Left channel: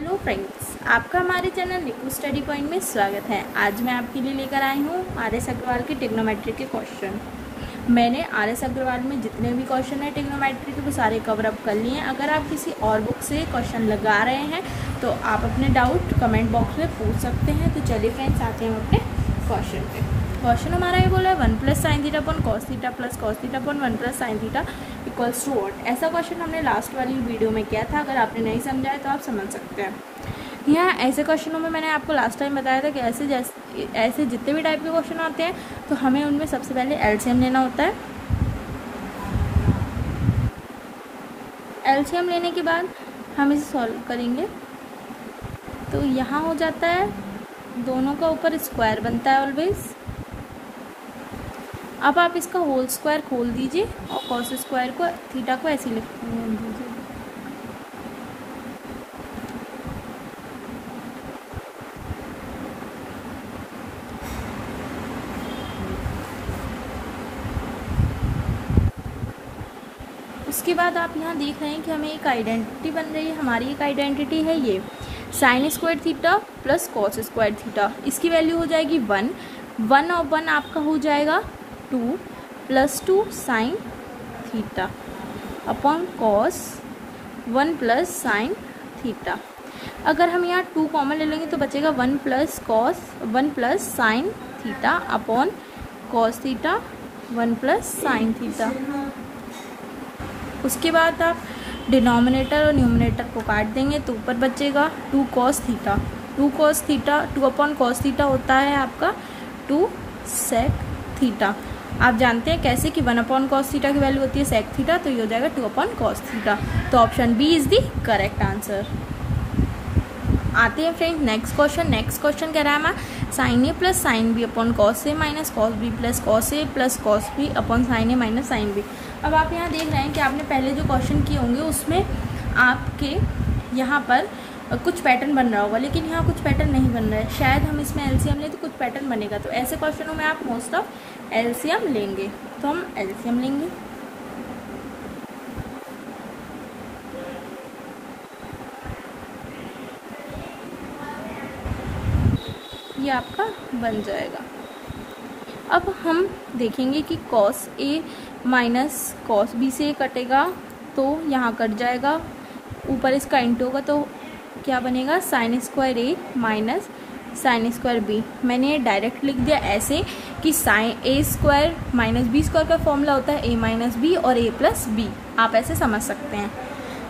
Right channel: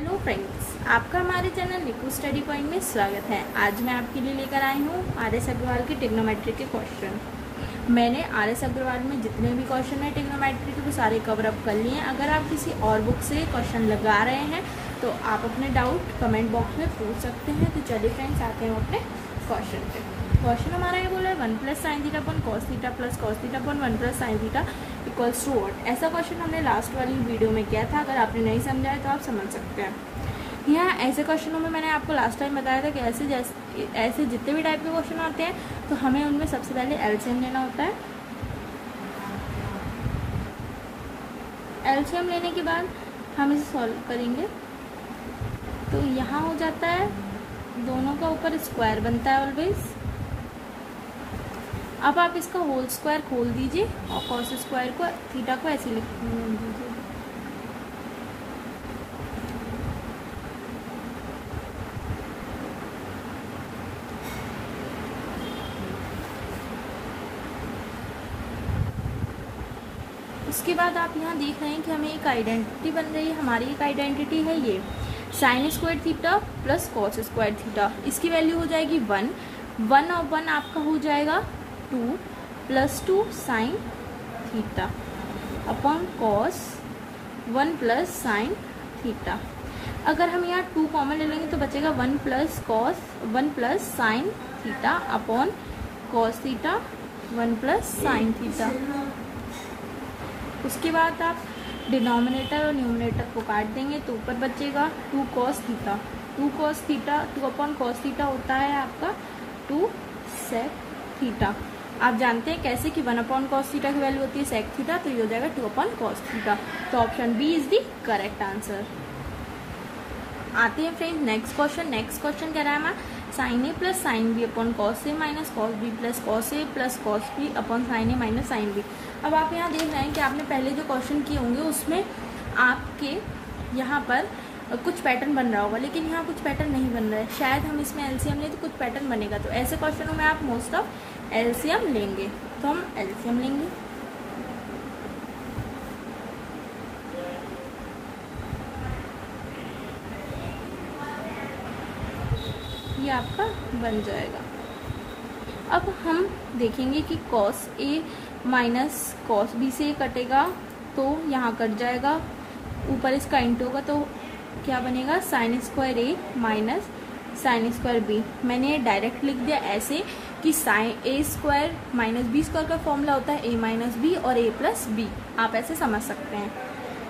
Hello friends, आपका हमारे channel Nipu study point में स्वागत है। आज मैं आपके लिए लेकर आई हूँ आर.एस. अग्रवाल की ट्रिग्नोमेट्री के क्वेश्चन। मैंने आर.एस. अग्रवाल में जितने भी क्वेश्चन है ट्रिग्नोमेट्री के वो सारे कवर अप कर लिए हैं। अगर आप किसी और बुक से क्वेश्चन लगा रहे हैं तो आप अपने डाउट कमेंट बॉक्स में पूछ सकते हैं। तो चलिए फ्रेंड्स, आते हैं अपने क्वेश्चन पे। क्वेश्चन हमारा ये बोला है 1 + sin theta upon cos theta plus cos theta upon 1 + sin theta equals to what. ऐसा क्वेश्चन हमने लास्ट वाली वीडियो में किया था। अगर आपने नहीं समझा है तो आप समझ सकते हैं। यहाँ ऐसे क्वेश्चनों में मैंने आपको लास्ट टाइम बताया था कि ऐसे जितने भी टाइप के क्वेश्चन आते हैं तो हमें उनमें सबसे पहले एलसीएम लेना होता है। एलसीएम लेने के बाद हम इसे सॉल्व करेंगे तो यहाँ हो जाता है दोनों का ऊपर स्क्वायर बनता है ऑलवेज। अब आप इसका होल स्क्वायर खोल दीजिए और कॉस स्क्वायर को थीटा को ऐसे लिख दीजिए। उसके बाद आप यहाँ देख रहे हैं कि हमें एक आइडेंटिटी बन रही है। हमारी एक आइडेंटिटी है ये sine square theta plus cos square theta. इसकी वैल्यू हो जाएगी 1 और 1 आपका हो जाएगा 2 + 2 sine theta upon cos 1 + sine theta. अगर हम यहाँ 2 कॉमन ले लेंगे तो बचेगा 1 + sine theta upon cos theta 1 + sine theta. उसके बाद आप डिनोमिनेटर और न्यूमिनेटर को काट देंगे तो ऊपर बचेगा 2 cos theta. 2 upon cos theta होता है आपका 2 sec थीटा। आप जानते हैं कैसे कि 1 अपॉन cos थीटा की वैल्यू होती है sec थीटा, तो ये हो जाएगा 2 अपॉन cos थीटा। तो option B is the correct answer. आते हैं फ्रेंड्स नेक्स्ट क्वेश्चन कह रहा है sin a + sin b upon cos a minus cos b + cos a + cos b upon sin a minus sin b। अब आप यहाँ देख रहे हैं कि आपने पहले जो क्वेश्चन किए होंगे उसमें आपके यहाँ पर कुछ पैटर्न बन रहा होगा, लेकिन यहाँ कुछ पैटर्न नहीं बन रहा है। शायद हम इसमें एलसीएम लें तो कुछ पैटर्न बनेगा। तो ऐसे क्वेश्चनों में आप मोस्ट ऑफ एलसीएम लेंगे, तो हम एलसीएम लेंगे। ये आपका बन जाएगा। अब हम देखेंगे कि cos a minus cos b से कटेगा तो यहाँ कट जाएगा, ऊपर इसका इंटू होगा तो क्या बनेगा sin square a minus sin square b। मैंने डायरेक्ट लिख दिया ऐसे कि sin a square minus b square का फॉर्मूला होता है a माइनस b और a प्लस b। आप ऐसे समझ सकते हैं।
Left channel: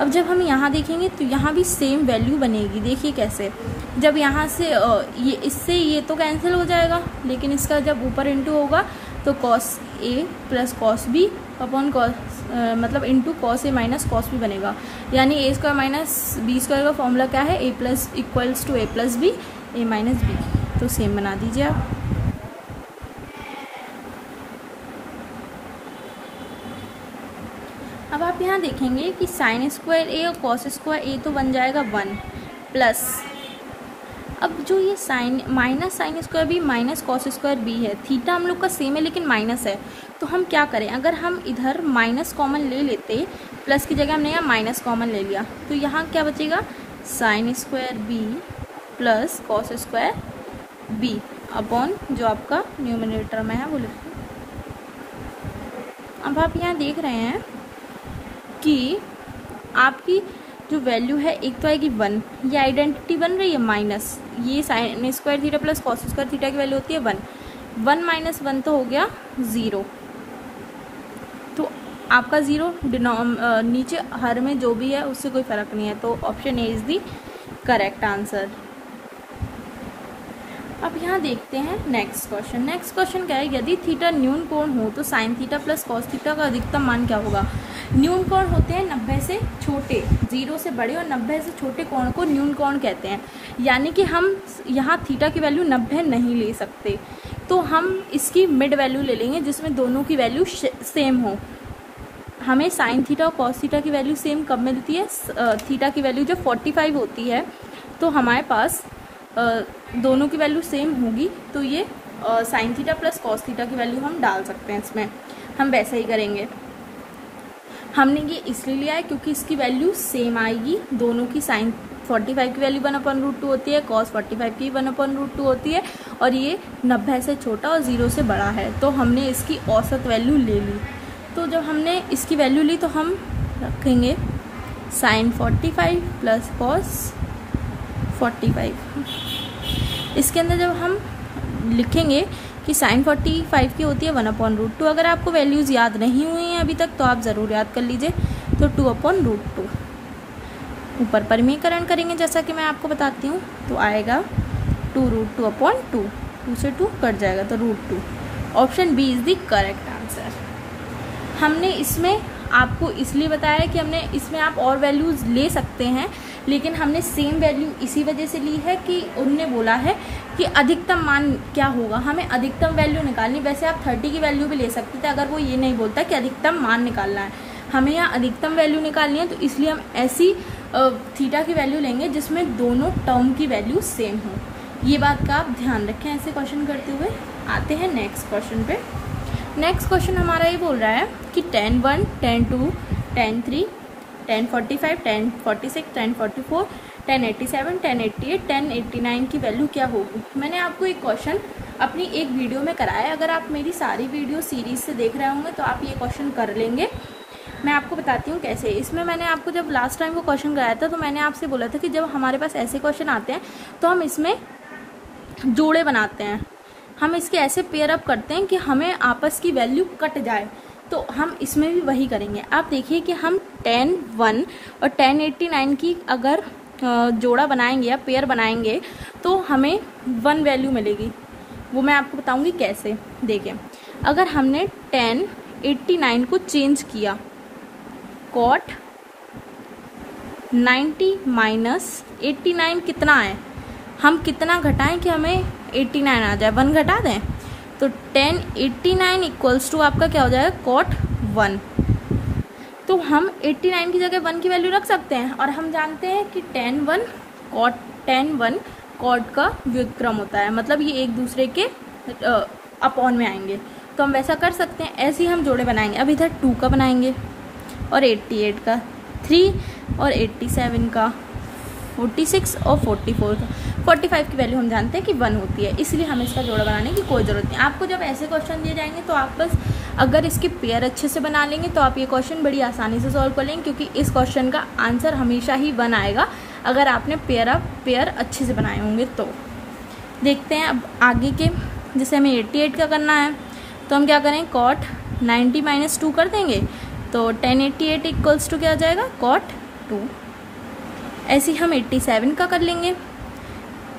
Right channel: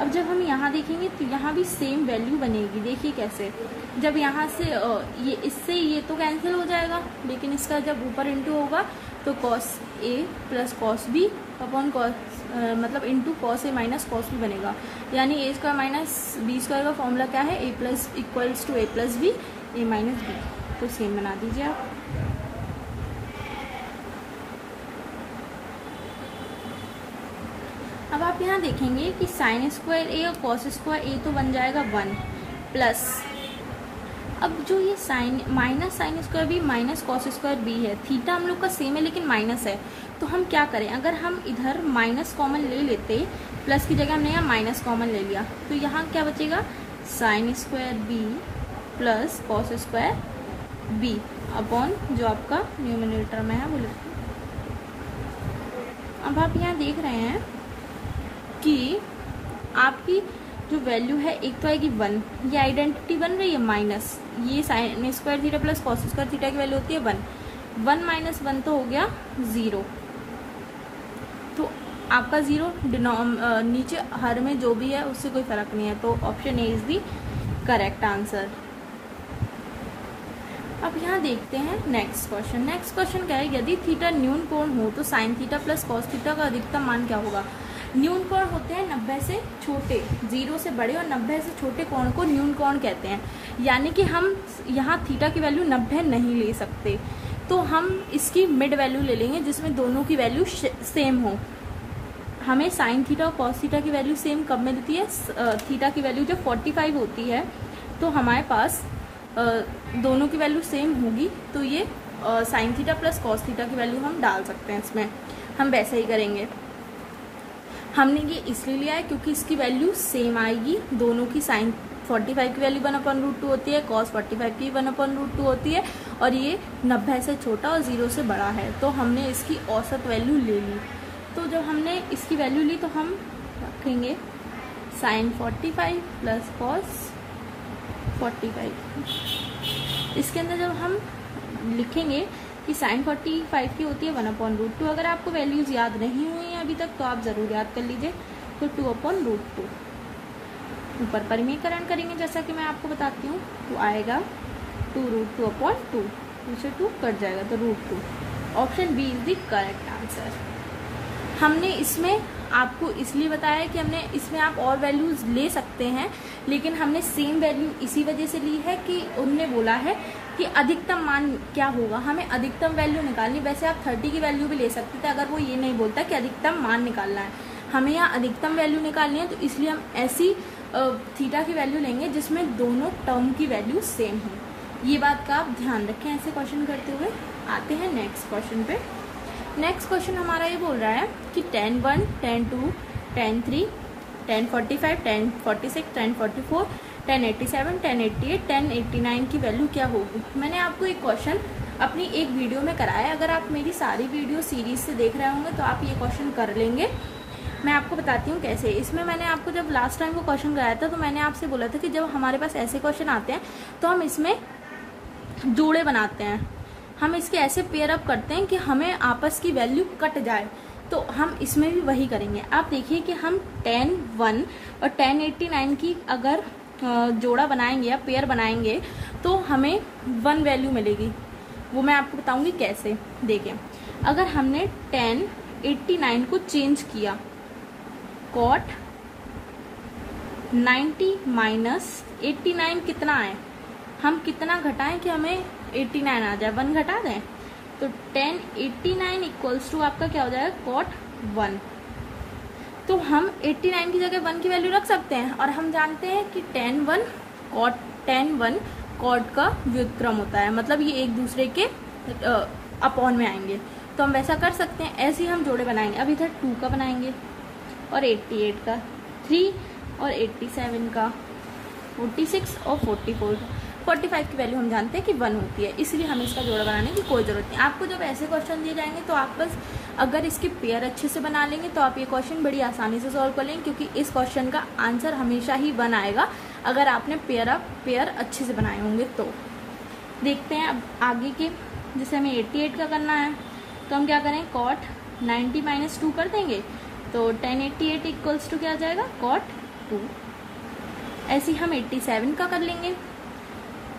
अब जब हम यहाँ देखेंगे तो यहाँ भी सेम वैल्यू बनेगी। देखिए कैसे, जब यहाँ से ये इससे ये तो कैंसिल हो जाएगा, लेकिन इसका जब ऊपर इंटू होगा तो cos a + cos b upon मतलब into cos a minus cos b बनेगा। यानी a square minus b square का फॉर्मूला क्या है, a plus equals to a + b a minus b। तो सेम बना दीजिए आप। अब आप यहाँ देखेंगे कि sin स्क्वायर a और cos स्क्वायर a तो बन जाएगा 1 प्लस, अब जो ये minus sine square b minus cos square b है, थीटा हम लोग का सेम है लेकिन माइनस है। तो हम क्या करें, अगर हम इधर माइनस कॉमन ले लेते, प्लस की जगह हमने यहाँ माइनस कॉमन ले लिया तो यहाँ क्या बचेगा sign square b plus cos square b upon जो आपका न्यूमिनेटर में है वो लिखो। अब आप यहाँ देख रहे हैं कि आपकी जो वैल्यू है एक तो आएगी 1, ये आइडेंटिटी बन रही है माइनस, ये sine square theta plus cos square theta की वैल्यू होती है 1 माइनस 1 तो हो गया 0। तो आपका 0 नीचे हर में जो भी है उससे कोई फर्क नहीं है। तो option A is the correct answer. अब यहाँ देखते हैं नेक्स्ट क्वेश्चन क्या है, यदि थीटा न्यून कोण हो तो sign theta plus cos theta का अधिकतम मान क्या होगा। न्यून कोण होते हैं 90 से छोटे, 0 से बड़े और 90 से छोटे कोण को न्यून कोण कहते हैं। यानी कि हम यहाँ थीटा की वैल्यू 90 नहीं ले सकते, तो हम इसकी मिड वैल्यू ले लेंगे जिसमें दोनों की वैल्यू सेम हो। हमें साइन थीटा और कॉस थीटा की वैल्यू सेम कब मिलती है, थीटा की वैल्यू जब 45 होती है तो हमारे पास दोनों की वैल्यू सेम होगी। तो ये sign theta plus cos theta की वैल्यू हम डाल सकते हैं इसमें। हम वैसे ही करेंगे। हमने ये इसलिए लिया है क्योंकि इसकी वैल्यू सेम आएगी, दोनों की साइन 45 की वैल्यू 1/√2 होती है, cos 45 की 1/√2 होती है, और ये 90 से छोटा और 0 से बड़ा है। तो हमने इसकी औसत वैल्यू ले ली। तो जब हमने इसकी वैल्यू ली तो हम रखेंगे sin 45 प्लस cos 45। इसके अंदर जब हम लिखेंगे कि sin 45 की होती है 1/√2। अगर आपको वैल्यूज़ याद नहीं हुई हैं अभी तक तो आप ज़रूर याद कर लीजिए। तो 2/√2 ऊपर परिमीकरण करेंगे जैसा कि मैं आपको बताती हूँ, तो आएगा 2√2/2, 2 से 2 कट जाएगा तो √2। Option B is the correct answer. हमने इसमें आपको इसलिए बताया कि हमने इसमें आप और वैल्यूज़ ले सकते हैं, लेकिन हमने सेम वैल्यू इसी वजह से ली है कि उन्होंने बोला है कि अधिकतम मान क्या होगा, हमें अधिकतम वैल्यू निकालनी। वैसे आप 30 की वैल्यू भी ले सकते थे अगर वो ये नहीं बोलता कि अधिकतम मान निकालना है। हमें यहाँ अधिकतम वैल्यू निकालनी है, तो इसलिए हम ऐसी थीटा की वैल्यू लेंगे जिसमें दोनों टर्म की वैल्यू सेम हो। ये बात का आप ध्यान रखें ऐसे क्वेश्चन करते हुए। आते हैं नेक्स्ट क्वेश्चन पे। नेक्स्ट क्वेश्चन हमारा ये बोल रहा है कि tan 1, tan 2, tan 3, tan 45, tan 46, tan 44, tan 87, tan 88, tan 89 की वैल्यू क्या होगी। मैंने आपको एक क्वेश्चन अपनी एक वीडियो में कराया। अगर आप मेरी सारी वीडियो सीरीज से देख रहे होंगे तो आप ये क्वेश्चन कर लेंगे। मैं आपको बताती हूँ कैसे। इसमें मैंने आपको जब लास्ट टाइम वो क्वेश्चन कराया था तो मैंने आपसे बोला था कि जब हमारे पास ऐसे क्वेश्चन आते हैं तो हम इसमें जोड़े बनाते हैं, हम इसके ऐसे पेयर अप करते हैं कि हमें आपस की वैल्यू कट जाए। तो हम इसमें भी वही करेंगे। आप देखिए कि हम tan 1 और tan 89 की अगर जोड़ा बनाएंगे या पेयर बनाएंगे तो हमें 1 वैल्यू मिलेगी। वो मैं आपको बताऊंगी कैसे। देखिए, अगर हमने tan 89 को चेंज किया, cot 90 माइनस 89 कितना है, हम कितना घटाएं कि हमें 89 आ जाए, 1 घटा दें। तो tan 89 इक्वल्स टू आपका क्या हो जाएगा, cot 1। तो हम 89 की जगह 1 की वैल्यू रख सकते हैं, और हम जानते हैं कि tan 1 cot का व्युत्क्रम होता है, मतलब ये एक दूसरे के अपॉन में आएंगे। तो हम वैसा कर सकते हैं। ऐसे ही हम जोड़े बनाएंगे। अब इधर 2 का बनाएंगे और 88 का, 3 और 87 का, 46 और 44 का। 45 की वैल्यू हम जानते हैं कि 1 होती है, इसलिए हमें इसका जोड़ा बनाने की कोई ज़रूरत नहीं। आपको जब ऐसे क्वेश्चन दिए जाएंगे तो आप बस अगर इसके पेयर अच्छे से बना लेंगे तो आप ये क्वेश्चन बड़ी आसानी से सॉल्व कर लेंगे, क्योंकि इस क्वेश्चन का आंसर हमेशा ही 1 आएगा अगर आपने पेयर अच्छे से बनाए होंगे। तो देखते हैं अब आगे के। जैसे हमें 88 का करना है तो हम क्या करें, cot 90 माइनस 2 कर देंगे। तो tan 88 इक्वल्स टू क्या आ जाएगा, cot 2। ऐसे ही हम 87 का कर लेंगे।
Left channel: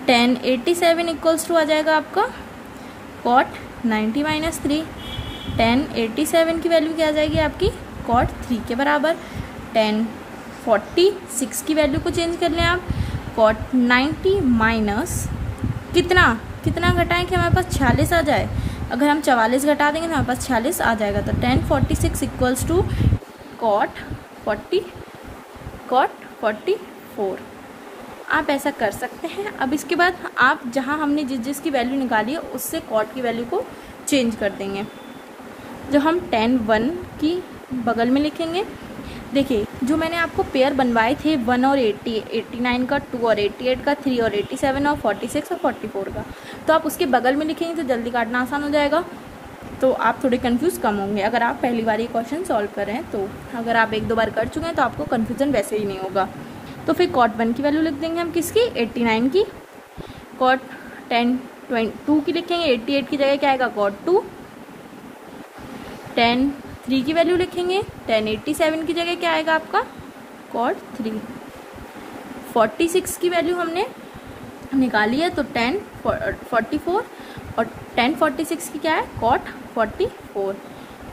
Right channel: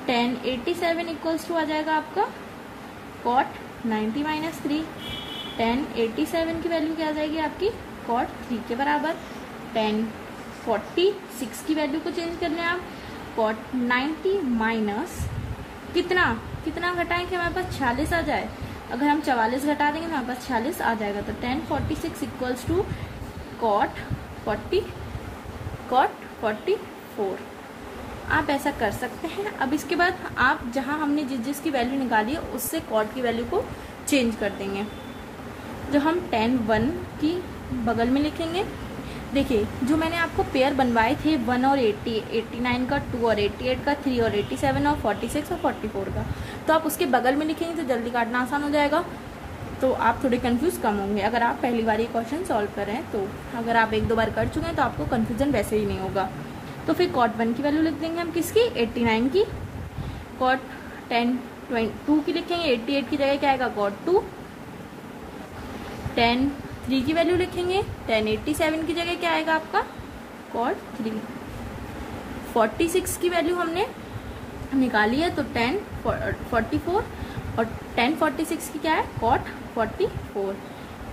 tan 87 इक्वल्स टू आ जाएगा आपका cot 90 माइनस 3। tan 87 की वैल्यू क्या आ जाएगी आपकी, cot 3 के बराबर। tan 46 की वैल्यू को चेंज कर लें आप, cot 90 माइनस कितना घटाएं कि हमारे पास 46 आ जाए। अगर हम 44 घटा देंगे तो हमारे पास 46 आ जाएगा। तो tan 46 इक्वल्स टू cot 44। आप ऐसा कर सकते हैं। अब इसके बाद आप जहां हमने जिसकी वैल्यू निकाली है उससे cot की वैल्यू को चेंज कर देंगे। जो हम tan 1 की बगल में लिखेंगे, देखिए जो मैंने आपको पेयर बनवाए थे 1 और 89 का, 2 और 88 का, 3 और 87 और 46 और 44 का, तो आप उसके बगल में लिखेंगे तो जल्दी काटना आसान हो जाएगा। तो आप थोड़े कंफ्यूज कम होंगे अगर आप पहली बार ये क्वेश्चन सॉल्व कर रहे हैं। तो अगर आप 1-2 बार कर चुके हैं तो आपको कन्फ्यूजन वैसे ही नहीं होगा। तो फिर cot 1 की वैल्यू लिख देंगे हम, किसकी, 89 की। cot 2 की लिखेंगे, 88 की जगह क्या आएगा, cot 2। tan 3 की वैल्यू लिखेंगे, tan 87 की जगह क्या आएगा आपका, cot 3। 46 की वैल्यू हमने निकाली है तो tan 44, और tan 46 की क्या है, cot 44।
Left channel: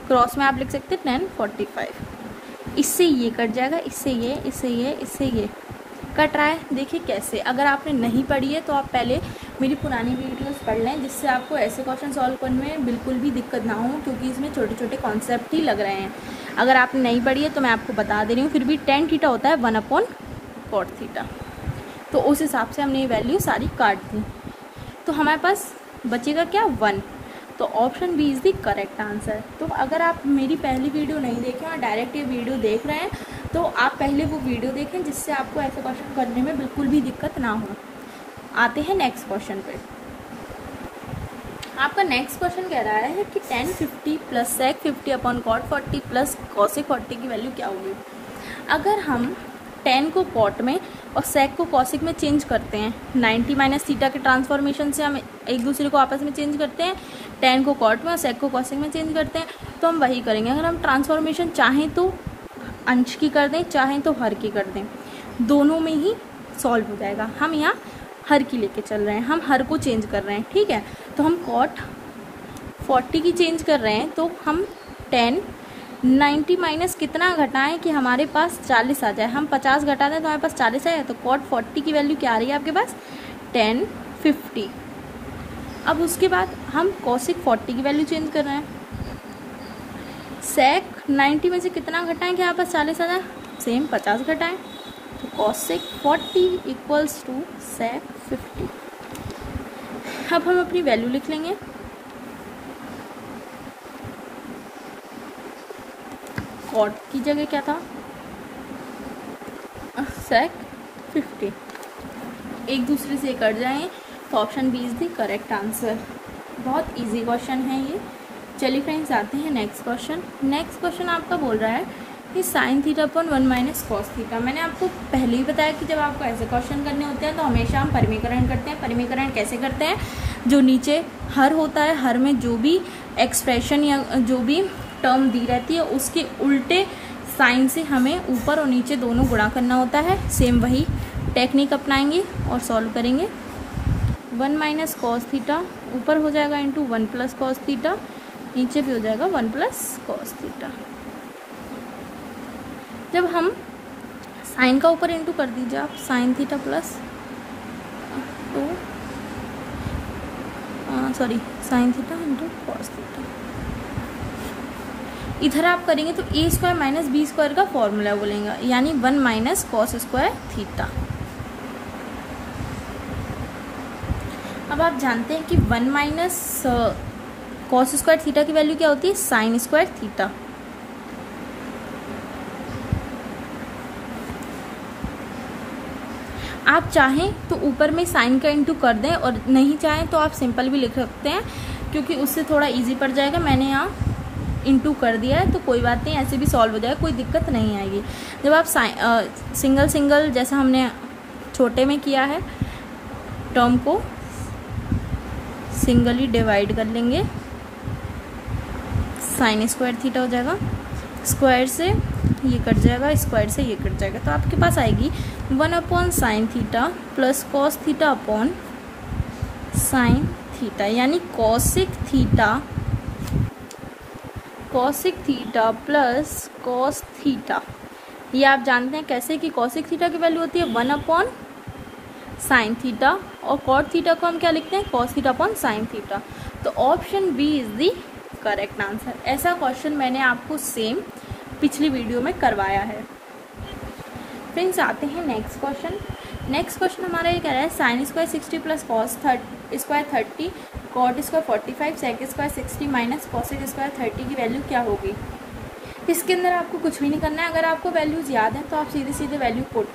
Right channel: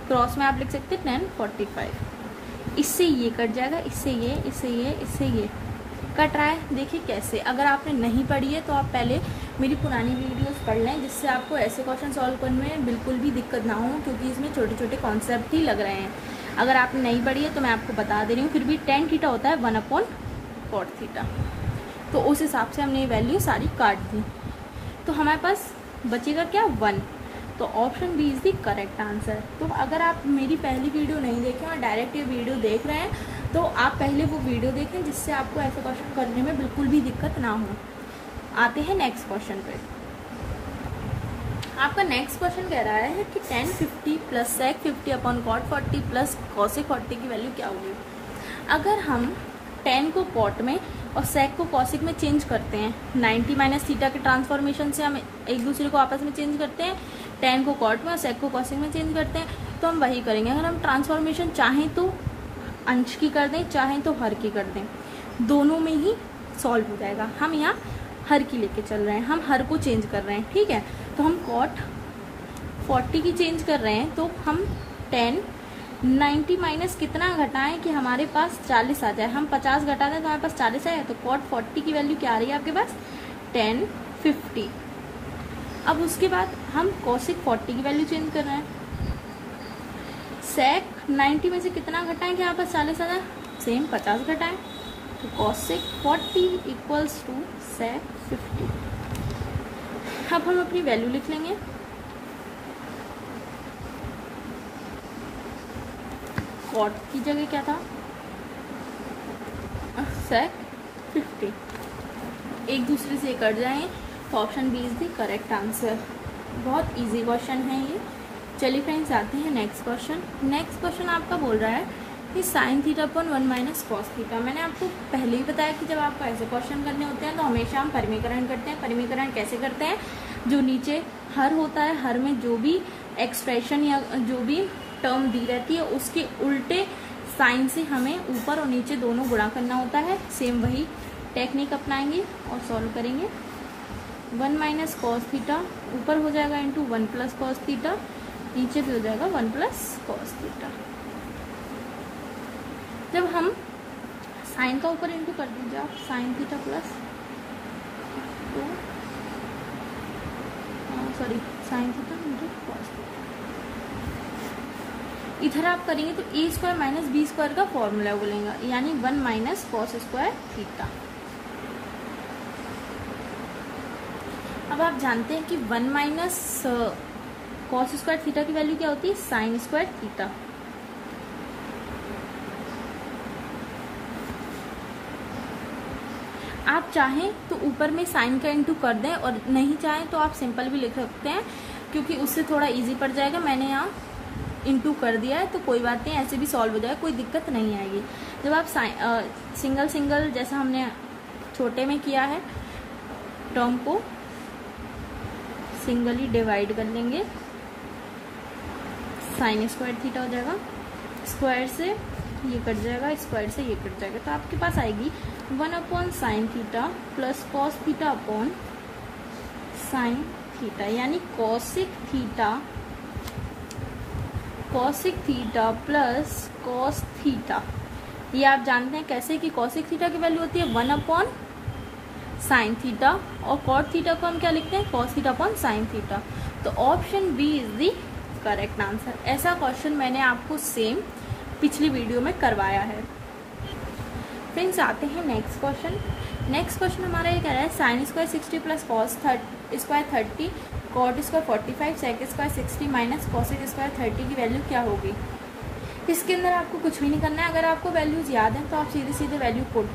क्रॉस में आप लिख सकते हैं tan 45। इससे ये कट जाएगा, इससे ये कट रहा है। देखिए कैसे। अगर आपने नहीं पढ़ी है तो आप पहले मेरी पुरानी वीडियोस पढ़ लें, जिससे आपको ऐसे क्वेश्चन सॉल्व करने में बिल्कुल भी दिक्कत ना हो, क्योंकि इसमें छोटे छोटे कॉन्सेप्ट ही लग रहे हैं। अगर आपने नहीं पढ़ी है तो मैं आपको बता दे रही हूँ। फिर भी tan थीटा होता है 1/cot थीटा। तो उस हिसाब से हमने ये वैल्यू सारी काट दी। तो हमारे पास बचेगा क्या, 1। तो option B is the correct answer. तो अगर आप मेरी पहली वीडियो नहीं देखें और डायरेक्ट ये वीडियो देख रहे हैं तो आप पहले वो वीडियो देखें जिससे आपको ऐसे क्वेश्चन करने में बिल्कुल भी दिक्कत ना हो। आते हैं नेक्स्ट क्वेश्चन पे। आपका नेक्स्ट क्वेश्चन कह रहा है कि tan 50 plus sec 50 upon cot 40 plus cosec 40 की वैल्यू क्या होगी। अगर हम tan को cot में और sec को cosec में चेंज करते हैं, 90 माइनस थीटा के ट्रांसफॉर्मेशन से हम एक दूसरे को आपस में चेंज करते हैं, tan को cot में और sec को cosec में चेंज करते हैं, तो हम वही करेंगे। अगर हम ट्रांसफॉर्मेशन चाहें तो अंश की कर दें, चाहें तो हर की कर दें, दोनों में ही सॉल्व हो जाएगा। हम यहाँ हर की लेके चल रहे हैं, हम हर को चेंज कर रहे हैं, ठीक है। तो हम cot 40 की चेंज कर रहे हैं, तो हम tan 90 माइनस कितना घटाएं कि हमारे पास 40 आ जाए। हम 50 घटा दें तो हमारे पास 40 आए, तो cot 40 की वैल्यू क्या आ रही है आपके पास, tan 50। अब उसके बाद हम cosec 40 की वैल्यू चेंज कर रहे हैं। sec 90 में से कितना घटाएं कि हमारे पास 40 आ जाए, सेम 50 घटाएं, तो cosec 40 इक्वल्स टू sec 50। अब हम अपनी वैल्यू लिख लेंगे। cot की जगह क्या था, sec 50। एक दूसरे से कट जाएं तो option B is the correct answer. बहुत इजी क्वेश्चन है ये। चलिए फ्रेंड्स, आते हैं नेक्स्ट क्वेश्चन। नेक्स्ट क्वेश्चन आपका बोल रहा है कि sine theta upon 1 minus cos theta. मैंने आपको पहले ही बताया कि जब आपको ऐसे क्वेश्चन करने होते हैं तो हमेशा हम परिमीकरण करते हैं। परिमीकरण कैसे करते हैं, जो नीचे हर होता है, हर में जो भी एक्सप्रेशन या जो भी टर्म दी रहती है उसके उल्टे साइन से हमें ऊपर और नीचे दोनों गुणा करना होता है। सेम वही टेक्निक अपनाएंगे और सॉल्व करेंगे। 1 माइनस कॉस थीटा ऊपर हो जाएगा इंटू 1 प्लस कॉस थीटा, नीचे भी हो जाएगा 1 प्लस कॉस थीटा। जब हम साइन का ऊपर इंटू कर दीजिए आप, sign theta plus sine theta into cos theta. इधर आप करेंगे तो ए स्क्वायर माइनस बी स्क्वायर का फॉर्मूला बोलेंगे, यानी 1 माइनस कॉस स्क्वायर थीटा। अब आप जानते हैं कि 1 माइनस कॉस स्क्वायर थीटा की वैल्यू क्या होती है, साइन स्क्वायर थीटा। आप चाहें तो ऊपर में साइन का इंटू कर दें और नहीं चाहें तो आप सिंपल भी लिख सकते हैं, क्योंकि उससे थोड़ा इजी पड़ जाएगा। मैंने यहाँ इंटू कर दिया है तो कोई बात नहीं, ऐसे भी सॉल्व हो जाएगा, कोई दिक्कत नहीं आएगी। जब आप सिंगल सिंगल जैसा हमने छोटे में किया है, टर्म को सिंगली डिवाइड कर लेंगे, साइन स्क्वायर थीटा हो जाएगा, स्क्वायर से ये कट जाएगा, स्क्वायर से ये कट जाएगा, तो आपके पास आएगी 1 upon sine theta plus cos theta upon sine theta, यानी cosec theta plus cos theta. ये आप जानते हैं कैसे कि कॉसिक थीटा की वैल्यू होती है 1 अपॉन साइन थीटा और कॉट थीटा को हम क्या लिखते हैं, cos theta upon sine theta. तो option B is the correct answer. ऐसा क्वेश्चन मैंने आपको सेम पिछली वीडियो में करवाया है। फ्रेंड्स, आते हैं नेक्स्ट क्वेश्चन। नेक्स्ट क्वेश्चन हमारा ये कह रहा है sine square 60 plus cos square 30 cot square 45 sec square 60 minus cosec square 30 की वैल्यू क्या होगी। इसके अंदर आपको कुछ भी नहीं करना है। अगर आपको वैल्यूज याद है तो आप सीधे सीधे वैल्यू पुट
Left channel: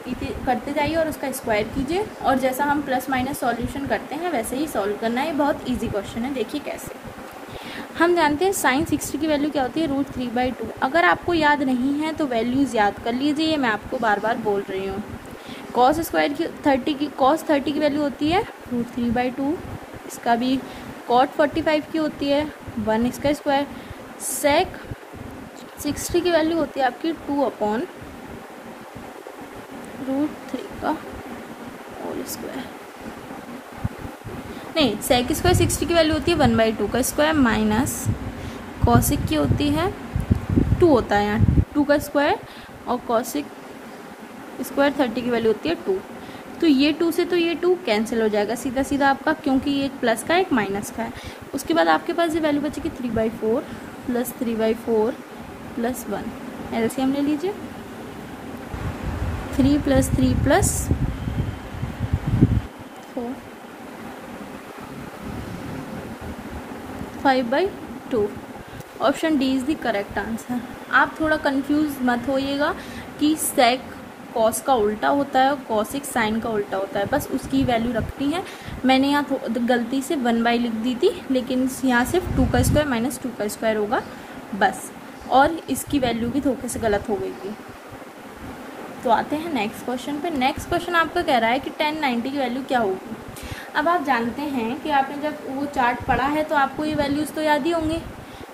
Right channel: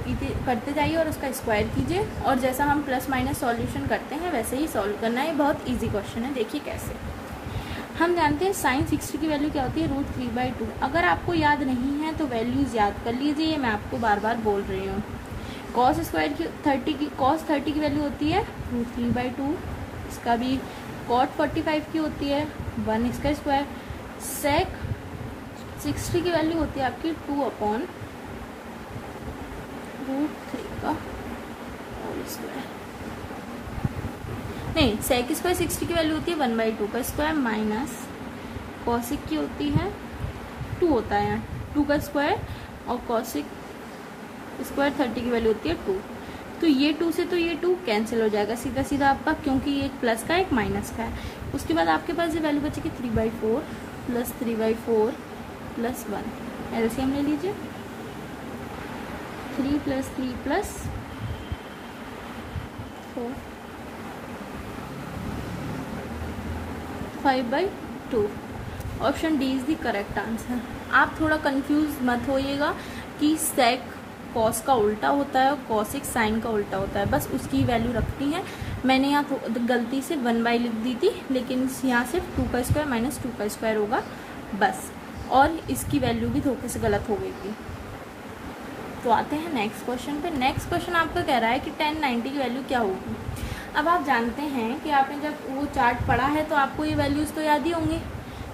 करते जाइए और उसका स्क्वायर कीजिए, और जैसा हम प्लस माइनस सॉल्यूशन करते हैं वैसे ही सॉल्व करना है। बहुत ईजी क्वेश्चन है, देखिए कैसे। हम जानते हैं साइन 60 की वैल्यू क्या होती है, √3/2। अगर आपको याद नहीं है तो वैल्यूज याद कर लीजिए, ये मैं आपको बार बार बोल रही हूँ। कॉस स्क्वायर की 30 की वैल्यू होती है √3/2। इसका भी कॉट 45 की होती है 1 इसका स्क्वायर। सेक 60 की वैल्यू होती है आपकी 2 अपॉन √3 का होल स्क्वायर। नहीं, सेक स्क्वायर 60 की वैल्यू होती है 1/2 का स्क्वायर माइनस कॉसिक की होती है 2 होता है यहाँ 2 का स्क्वायर, और कॉसिक स्क्वायर 30 की वैल्यू होती है 2। तो ये 2 से तो ये 2 कैंसिल हो जाएगा सीधा सीधा आपका, क्योंकि ये एक प्लस का एक माइनस का है। उसके बाद आपके पास ये वैल्यू बचेगी 3/4 प्लस 3/4 प्लस 1। एलसीएम ले लीजिए, 3 plus 3 plus 4 5/2। Option D is the correct answer. आप थोड़ा कंफ्यूज मत होइएगा, कि सेक कॉस का उल्टा होता है और कॉसेक साइन का उल्टा होता है, बस उसकी वैल्यू रखनी है। मैंने यहाँ गलती से 1/, लिख दी थी, लेकिन यहाँ सिर्फ 2 का स्क्वायर माइनस 2 का स्क्वायर होगा बस, और इसकी वैल्यू भी धोखे से गलत हो गई थी। तो आते हैं नेक्स्ट क्वेश्चन पे। नेक्स्ट क्वेश्चन आपका कह रहा है कि tan 90 की वैल्यू क्या होगी। अब आप जानते हैं कि आपने जब वो चार्ट पढ़ा है तो आपको ये वैल्यूज़ तो याद ही होंगे,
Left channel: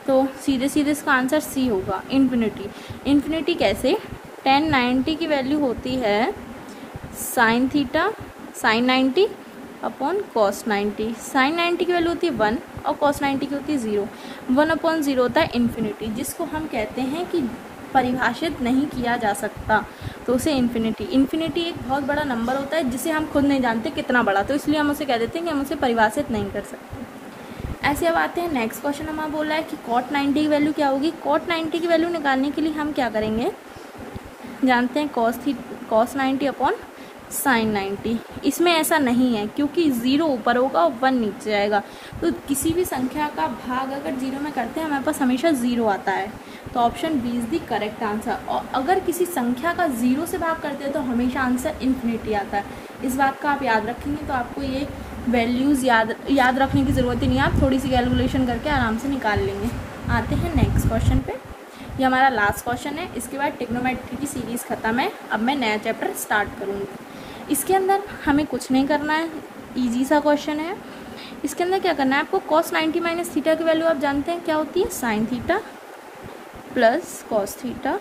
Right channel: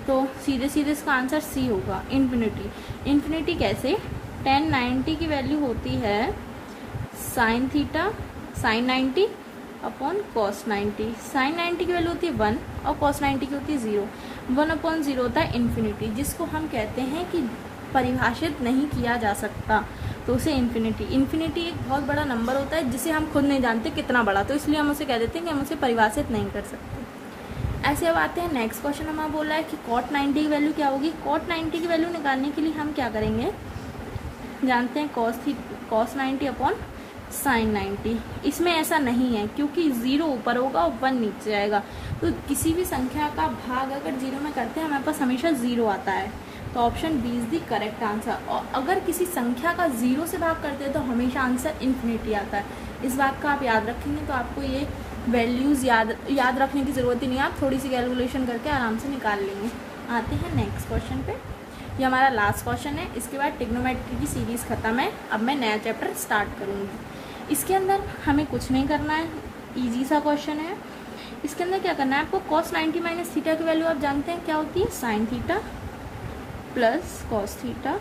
तो सीधे सीधे इसका आंसर सी होगा, इन्फिनिटी। इन्फिनिटी कैसे? tan 90 की वैल्यू होती है sine theta sine 90 upon cos 90। Sine 90 की वैल्यू होती है 1 और कॉस 90 की होती है 0। 1/0 होता है इन्फिनिटी, जिसको हम कहते हैं कि परिभाषित नहीं किया जा सकता, तो उसे इन्फिनिटी। इन्फिनिटी एक बहुत बड़ा नंबर होता है जिसे हम खुद नहीं जानते कितना बड़ा, तो इसलिए हम उसे कह देते हैं कि हम उसे परिभाषित नहीं कर सकते। ऐसे अब आते हैं नेक्स्ट क्वेश्चन। हमें बोल रहा है कि cot 90 की वैल्यू क्या होगी। cot 90 की वैल्यू निकालने के लिए हम क्या करेंगे, जानते हैं cos 90 अपॉन साइन 90। इसमें ऐसा नहीं है क्योंकि 0 ऊपर होगा और 1 नीचे जाएगा, तो किसी भी संख्या का भाग अगर 0 में करते हैं हमारे पास हमेशा 0 आता है, तो option B is the correct answer. और अगर किसी संख्या का 0 से भाग करते हैं तो हमेशा आंसर इन्फिनिटी आता है। इस बात का आप याद रखेंगे तो आपको ये वैल्यूज़ याद रखने की ज़रूरत ही नहीं है, आप थोड़ी सी कैलकुलेशन करके आराम से निकाल लेंगे। आते हैं नेक्स्ट क्वेश्चन पे। ये हमारा लास्ट क्वेश्चन है, इसके बाद ट्रिग्नोमेट्री की सीरीज़ खत्म है। अब मैं नया चैप्टर स्टार्ट करूँगी। इसके अंदर हमें कुछ नहीं करना है, इजी सा क्वेश्चन है। इसके अंदर क्या करना है आपको, cos 90 माइनस थीटा की वैल्यू आप जानते हैं क्या होती है, sine theta plus cos theta.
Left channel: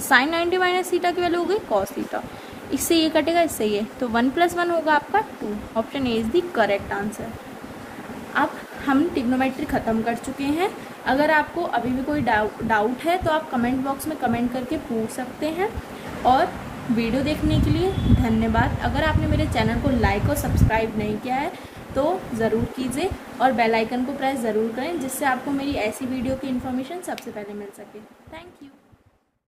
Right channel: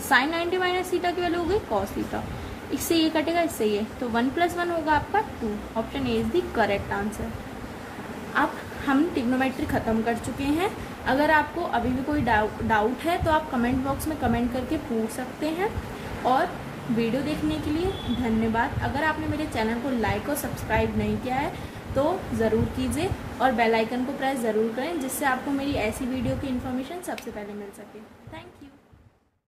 Sine 90 minus theta की वैल्यू हो गई कॉस थीटा, इससे ये कटेगा इससे ये, तो 1 + 1 होगा आपका 2। Option A is the correct answer. अब हम ट्रिग्नोमेट्री खत्म कर चुके हैं। अगर आपको अभी भी कोई डाउट है तो आप कमेंट बॉक्स में कमेंट करके पूछ सकते हैं। और वीडियो देखने के लिए धन्यवाद। अगर आपने मेरे चैनल को लाइक और सब्सक्राइब नहीं किया है तो ज़रूर कीजिए और बेल आइकन को प्रेस ज़रूर करें, जिससे आपको मेरी ऐसी वीडियो की इन्फॉर्मेशन सबसे पहले मिल सके। Thank you.